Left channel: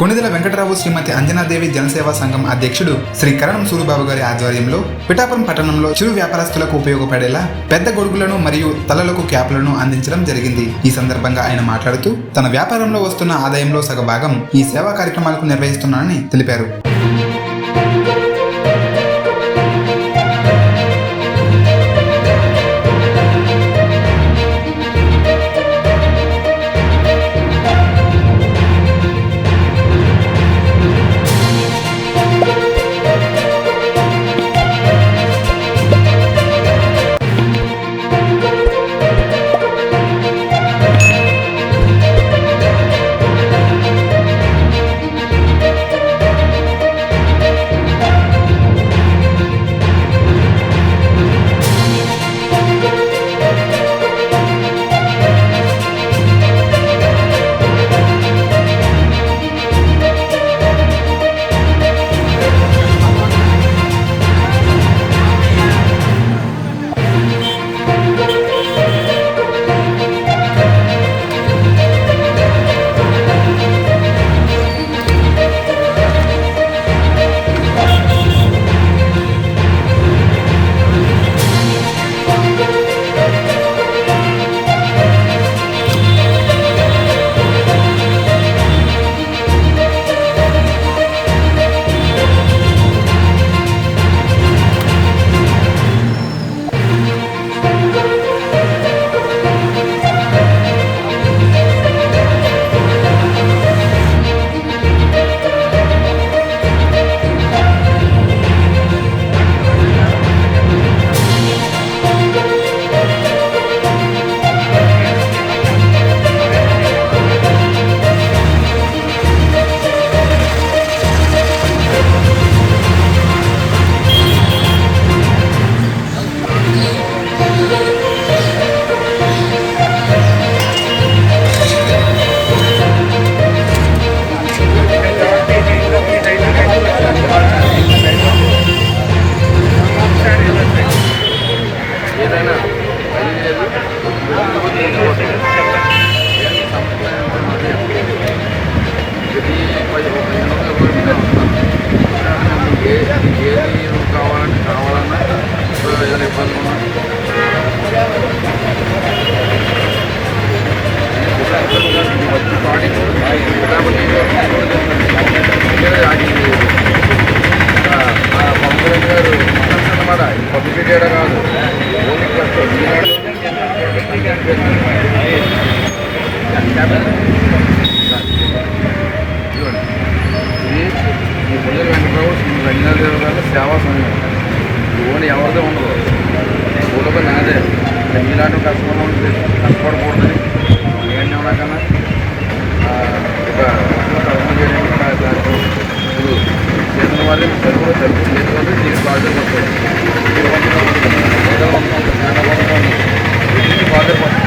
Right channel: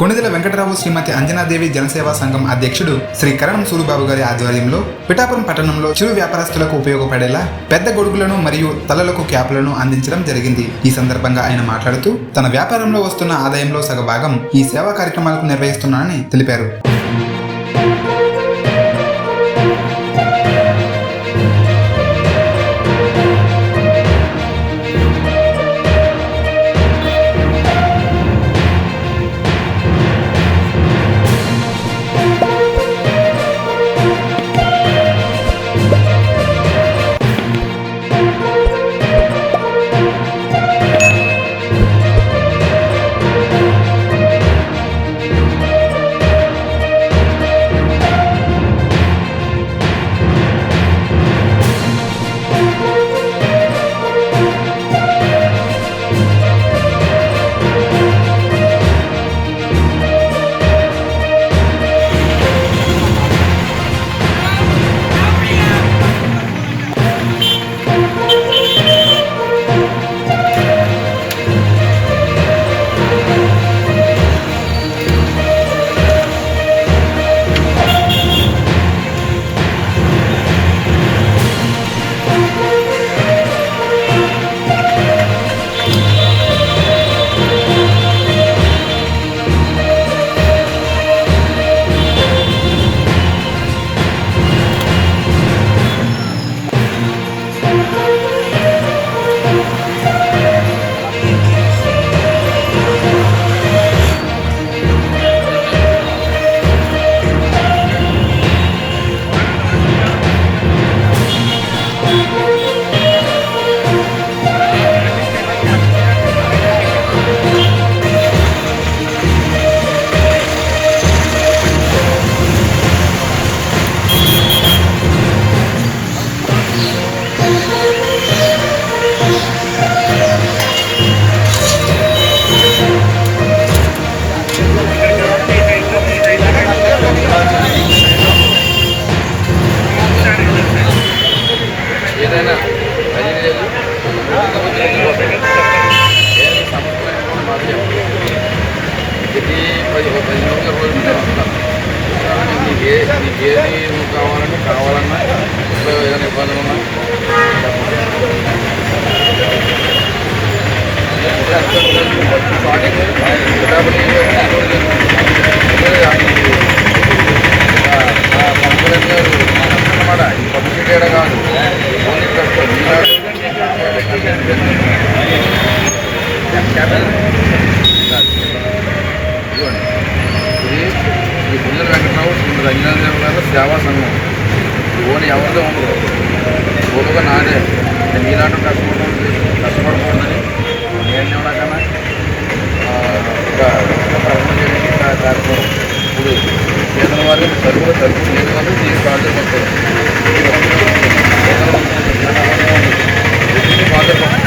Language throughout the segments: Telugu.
కొణిదెల వెంకటరావు శ్రీమతి అంజనాదేవి జనసేవా సంఘం అధ్యక్షుడు శ్రీ కరణం సూరిబాబు గారి ఆధ్వర్యంలో పిఠాపురం పట్టణంలో చిరు వ్యాపారస్తులకు ఉపయోగపడేలా పెద్ద గొడుగులను మరియు తలలకు క్యాపులను అందించడం జరిగింది. ఈ సందర్భంగా ఆయన మాట్లాడుతూ తన వ్యాపారంలో వస్తున్న ఆదాయంలో సగభాగం ఈ సేవా కార్యక్రమాలకు నిర్వహిస్తున్నానని తెలిపారు. ఏదైనా అది లేదు ముందుకు ఏమి సమస్య మాది ప్రతి 15 రోజులు మేము వస్తాం. నీకు ఏది నువ్వు కావాలన్నా ఏదైనా ఇబ్బందులు ఉన్నా వచ్చి స్టార్టింగ్ పిఠాపురం పంపురెడ్డి గారు అన్నమాట. ఈ పబ్లిసిటీ ఏడా కాదు, ఓన్లీ ట్రస్ట్ ఈనాడు ఇదిగోండి. ఇది ఈ కొణిదెల వెంకటరావు శ్రీమతి అంజనాదేవి గారు సేవా సంఘం. ఇది ఓన్లీ ఎవరిదో ఉండదు, ఓలుగా నాదే. ఈనాడు కష్టపడకూడదని నేనేమన్నా కన్నా ఒక వర్షం తరఫున చేయడానికి కార్యక్రమం. ఇప్పుడు చేతుల వారికి సరుకులు ఏది కాదు, దీనికి బాధ్యత వస్తాయి. బాధ్యత వస్తాయి.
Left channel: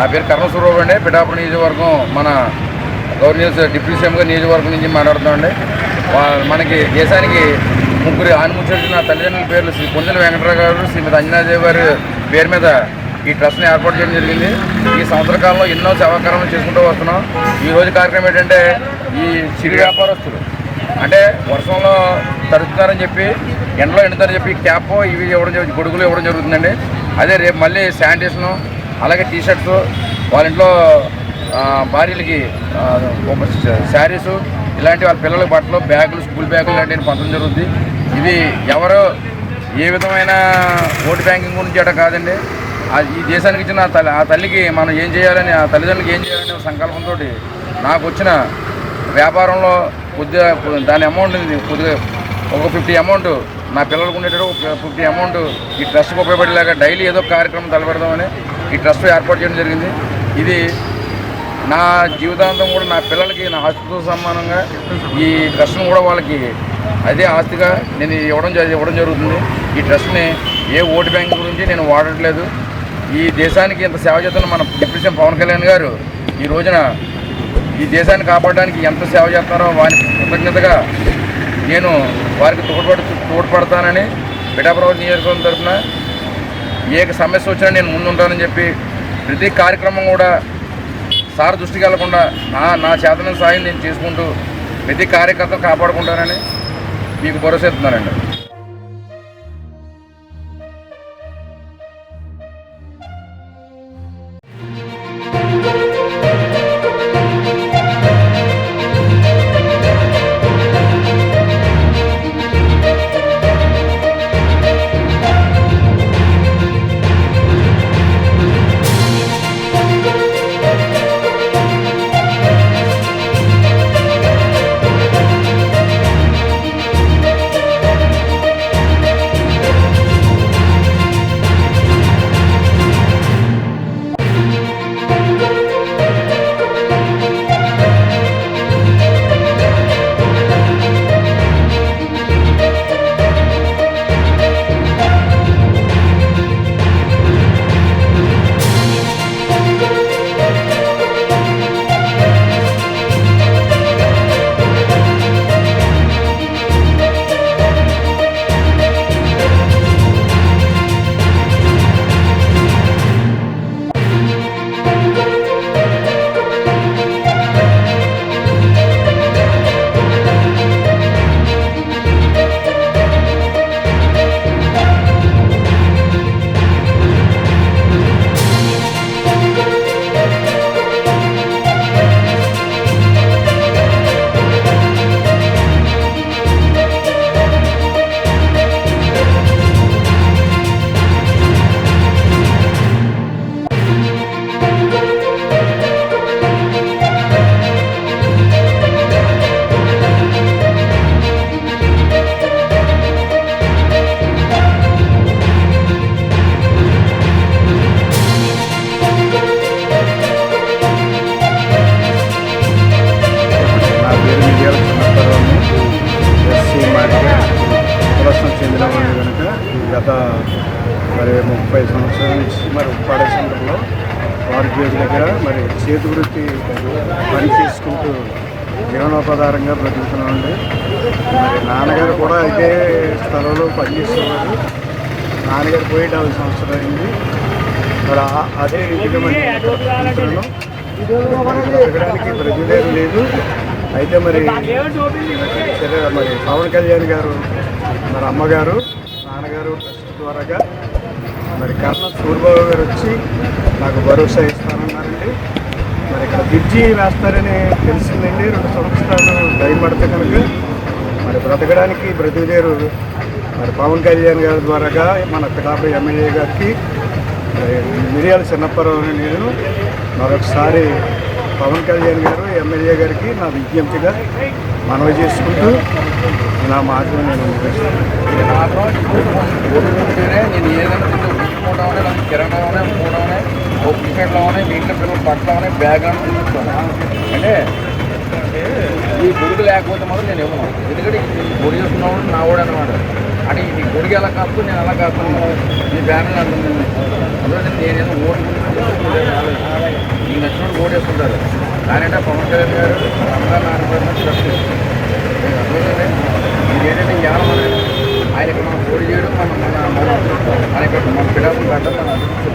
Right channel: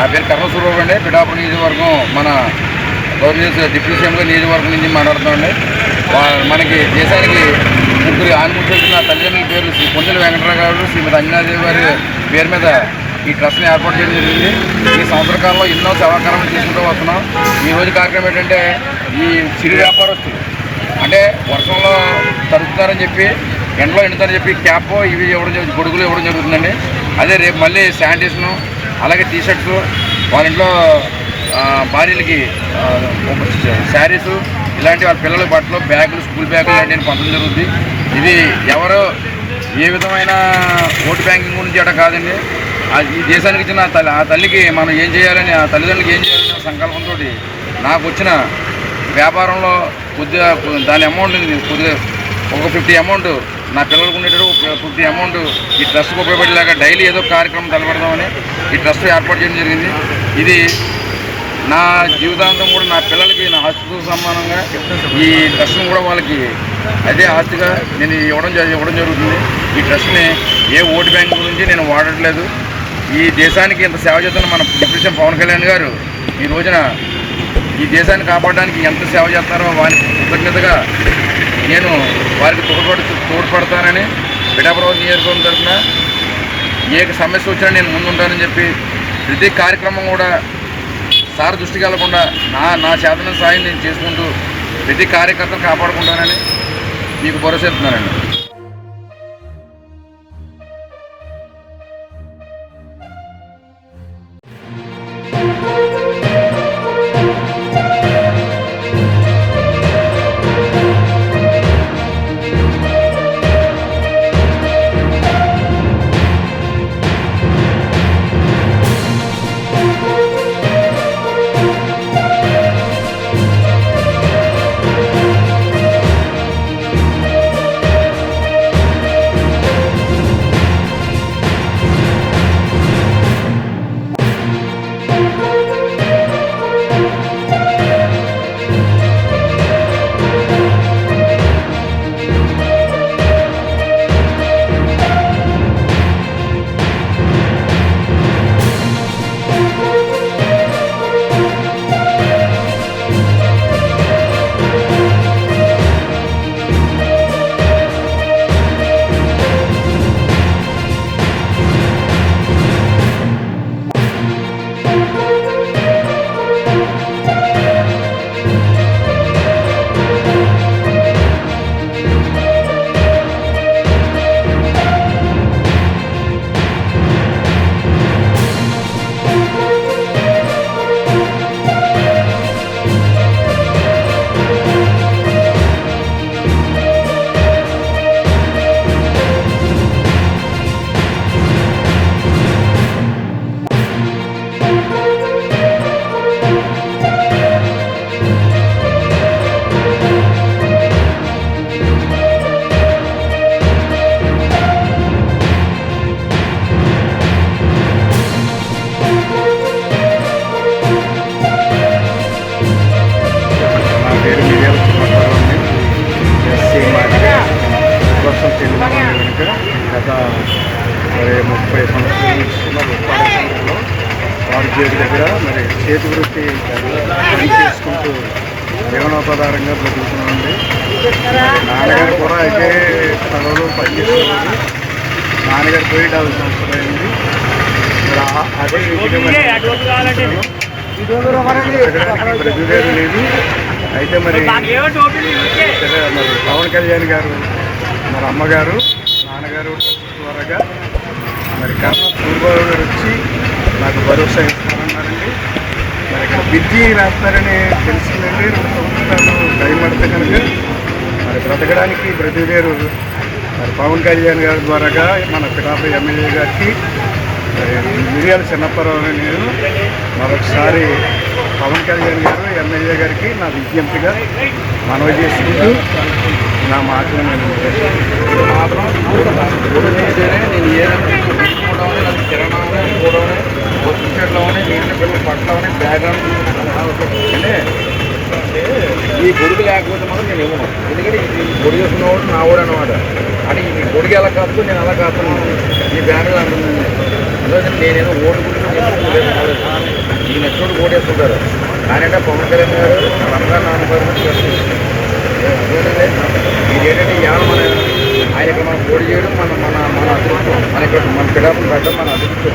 నా పేరు కర్ణ సూరిబాబు అండి. పిఠాపురం నియోజకవర్గం మన గవర్నర్ డిప్యూటీ సీఎంగా నియోజకవర్గం నుంచి మాట్లాడుతామండి. మనకి దేశానికి ముగ్గురు ఆణిముత్యాలు నా తల్లిదండ్రుల పేర్లు శ్రీ పొందెల వెంకటరావు గారు, శ్రీమతి అంజనాదేవి గారి పేరు మీద ఈ ట్రస్ట్ని ఏర్పాటు చేయడం జరిగింది. ఈ సంవత్సర కాలంలో ఎన్నో సేవాకార్యాలు చేసుకుంటూ వస్తున్నాం. ఈ రోజు కార్యక్రమం ఏంటంటే ఈ చిరు వ్యాపారస్తులు అంటే వర్షంలో తడుస్తున్నారని చెప్పి ఎండలో ఎండుతారని చెప్పి క్యాప్ ఇవి ఇవ్వడం జరుగుతుంది, గొడుగులు ఇవ్వడం జరుగుతుందండి. అదే రేపు మళ్ళీ శానిటేషను అలాగే టీషర్ట్స్ వాళ్ళ ఇంట్లో భార్యలకి శారీసు ఇలాంటి వాళ్ళ పిల్లలకి బట్టలు బ్యాగులు స్కూల్ బ్యాగులు ఇలాంటివి పంచడం జరుగుతుంది. ఇది ఎవరు ఏ విధమైన ఓటు బ్యాంకింగ్ గురించి అట కాదండి. ఈ దేశానికి ఇచ్చిన ఆ తల్లికి మనం ఏం చేయాలని ఆ తల్లిదండ్రులకి ఏం చేయాలనే సంకల్పంతో నాకు వచ్చిన వ్యాపారంలో కొద్దిగా దాని అమౌంట్ కొద్దిగా ఒక 50 అమౌంట్ నా పిల్లలకు ఉండేటట్టు 50 అమౌంట్ ఈ ట్రస్ట్కి ఉపయోగపడేలాగా డైలీ ఏదో కార్యక్రమం తలపెడదామని ఈ ట్రస్ట్ ఏర్పాటు చేయడం జరిగింది. ఇది నా జీవితాంతం కూడా నా పిల్లలకి నా ఆస్తితో సమానంగా ఈ ట్రస్ట్ను కూడా వాళ్ళకి అదే ఆస్తిగా నేను ఇవ్వడం జరుగుతుంది. ఈ ట్రస్ట్ని ఏ ఓటు బ్యాంక్ గురించి నేను వాడట్లేదు. ఈ దేశానికి ఇంత సేవ చేస్తున్న మన డిప్యూటీ సీఎం పవన్ కళ్యాణ్ గారు ఈ రోజున ఈ దేశాన్ని కాపాడడానికి ఎంత సేవ చేస్తారో వారికి కృతజ్ఞతగా నేను వారికి తోడ్పడతానని పిఠాపురం నియోజకవర్గం తరఫున ఏ సమస్య వచ్చినా నేను ముందుంటానని చెప్పి ప్రతి కార్యక్రమం కూడా సార్ దృష్టికి వెళ్లకుండా నా చేతన సాయం నేను చేసుకుంటూ ప్రతి కార్యకర్తను కాపాడుకుంటానని మీకు భరోసా ఇస్తున్నానండి. ప్రస్తుతం చెందిన కనుక గత 30 సంవత్సరాల నుంచి ఉప్పాడ సెంటర్లో వారి గేట్ దగ్గర చేతి వృత్తి పని చేసుకుంటూ జీవనోపాధారంగా బ్రతుకుతున్నామండి. నాన్నగారు కూడా అయితే స్థలంలో పనిచేసేవారు. నాన్నగారు పోయి 40 సంవత్సరాలు అయింది. అదే బ్రతుకుదేరు లేదు. అయితే మరి పవన్ కళ్యాణ్ గారు అమ్మగారు నాన్నగారు ట్రస్ట్ ద్వారాగా కర్ణ సూరిబాబు గారు వచ్చి నాకు భరోసా ఇస్తానన్నారండి. ఇక్కడ బ్రిడ్జి రాస్తారని తెలిసిందండి. 2 సంవత్సరాలు టైం పడితే కనుక బ్రతకడానికి బ్రతుకుదేరు పవన్ కళ్యాణ్ గారి ద్వారాగా మన పిఠాపురం ఎమ్మెల్యే గారికి మిరియాల చిన్నప్పరావు నేను మరొకసారి పవన్ కళ్యాణ్ గారు ఎమ్మెల్యే గారికి నా విజ్ఞప్తిగా మనవి చేసుకుంటూ నా మాటలు నేను నేను ఏదైనా కిరాణా కూడా టీషర్ట్లు అవనే నీళ్ళ పిల్లలు బట్టలు అవనే బ్యాగ్ అని చూపిస్తాను. అంటే ఈ గొడుగు లేకపోతే మాత్రం నేను ఇవ్వను. ఎందుకంటే ఈ గొడుగు చేసుకున్నవాడు నా వాడు అనమాట. అంటే ఈ గొడుగు ఎలా కాదు నేను అలా కాస్తున్నాను. ఈ బ్యాగులు అంటుంది. అందులో నేనేదో ఓటు గురించి మీకు నచ్చినట్టు ఓటు వేస్తుంటారు. కానీ అంటే పవన్ కళ్యాణ్ గారు రంగారు నాన్నగారు అర్థమైంది. మీరు ఏంటంటే ఇవాళ ఆయన ఇక్కడ మనం పోటీ చేయడం మన అదృష్టం. మన ఇక్కడ మన పిఠాపురం పడడం మన అదృష్టం.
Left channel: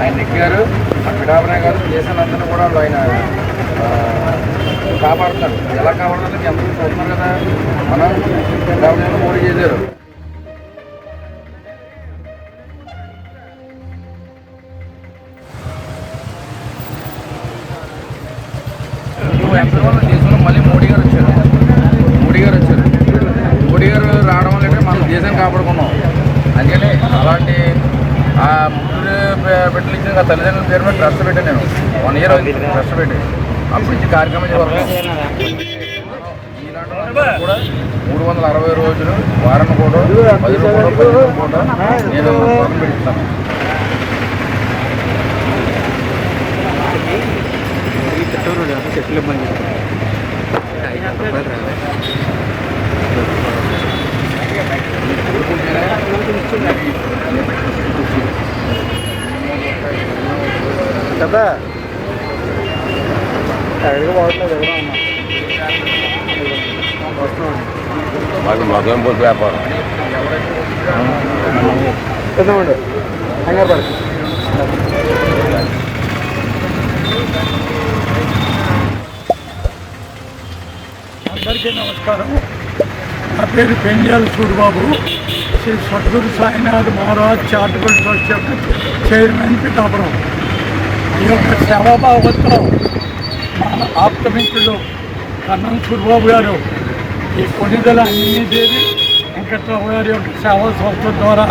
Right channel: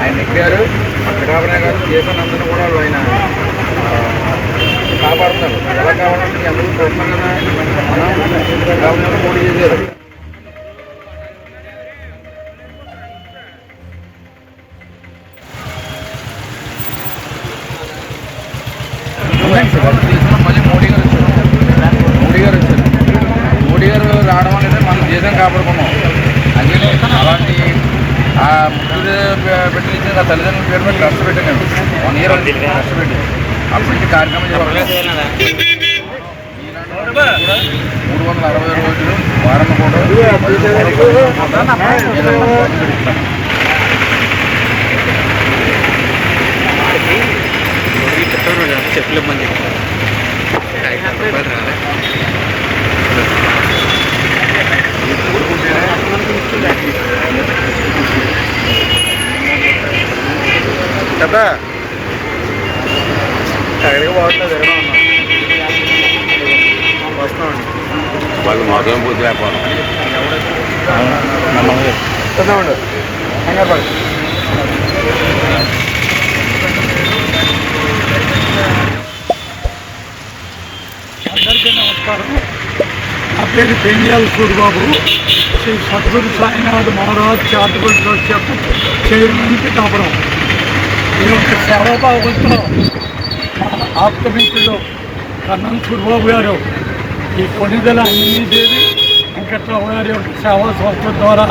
ఆయన నెక్కారు. ఆ పిఠాపురం గారు దేశాన్ని అందరూ కూడా ఆయన కాపాడుతున్నారు. ఎలా కావాలంటే మీ అందరూ చూస్తున్నాం కదా. మనం పిఠాపురంలో పోటీ చేశారు. దేశంలో మళ్ళీ మోడీ గారు వచ్చారు. మోడీ గారు రావడం వల్ల మనం దేశం కాపాడుకున్నాం. అందుకని అలాంటి ఆ ముగ్గురు బిడ్డలు ఇచ్చిన తల్లిదండ్రుల పేరు మీద ట్రస్ట్ పెట్టాను నేను. 1 year ట్రస్ట్ పెట్టి అప్పుడు ఇంటి కార్యక్రమం చేయాలి. కూడా 360 రోజులు వారం కూడా 10 కూడా నేను పెడుతున్నాను. చెప్పులు మంది కదా ఎక్కడికి పోవట్లేదు. ఎక్కడ ఉన్నా వస్తున్నాం. వాళ్ళు మాకేం పోతే వ్యాపారం చదవండి. అందరికీ నమస్కారం. నా పేరు పెంజాల సూరిబాబు. శ్రీ సద్గురు సాయినాథ్ మహారాజ్ చారిటబుల్ ట్రస్ట్ యొక్క చైర్మన్ పిఠాపురం. ఈ యొక్క సేవాభావంతో మా ఆప్తమిత్రులు కన్నం సూరిబాబు గారు ఈ కొనిదల అన్ని చేసి వెంకట్రావు గారి యొక్క సేవా సంస్థ ద్వారా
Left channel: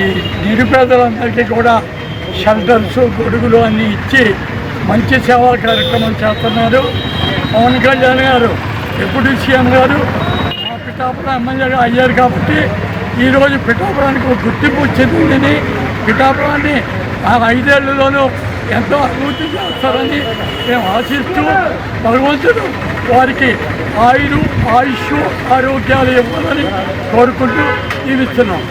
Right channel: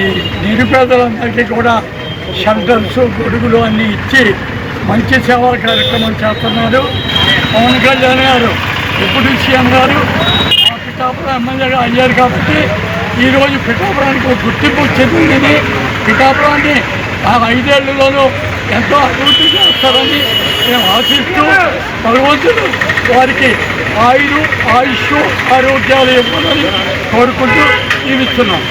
ఈ నిరుపేదలందరికీ కూడా షెల్టర్స్ గొడుగులు అన్నీ ఇచ్చి మంచి సేవా కార్యక్రమం చేస్తున్నారు. పవన్ కళ్యాణ్ గారు డిప్యూటీ సీఎం గారు మా పిఠాపురం ఎమ్మెల్యేగా అయ్యారు కాబట్టి ఈరోజు పిఠాపురానికి ఒక గుర్తింపు చెందింది. పిఠాపురాన్ని ఆ 5 ఏళ్లలోనూ ఎంతో అభివృద్ధి చేస్తారని మేము ఆశిస్తూ భగవంతుడు వారికి ఆయుష్ ఆరోగ్యాలు ఇవ్వాలని కోరుకుంటూ జీవిస్తున్నాం.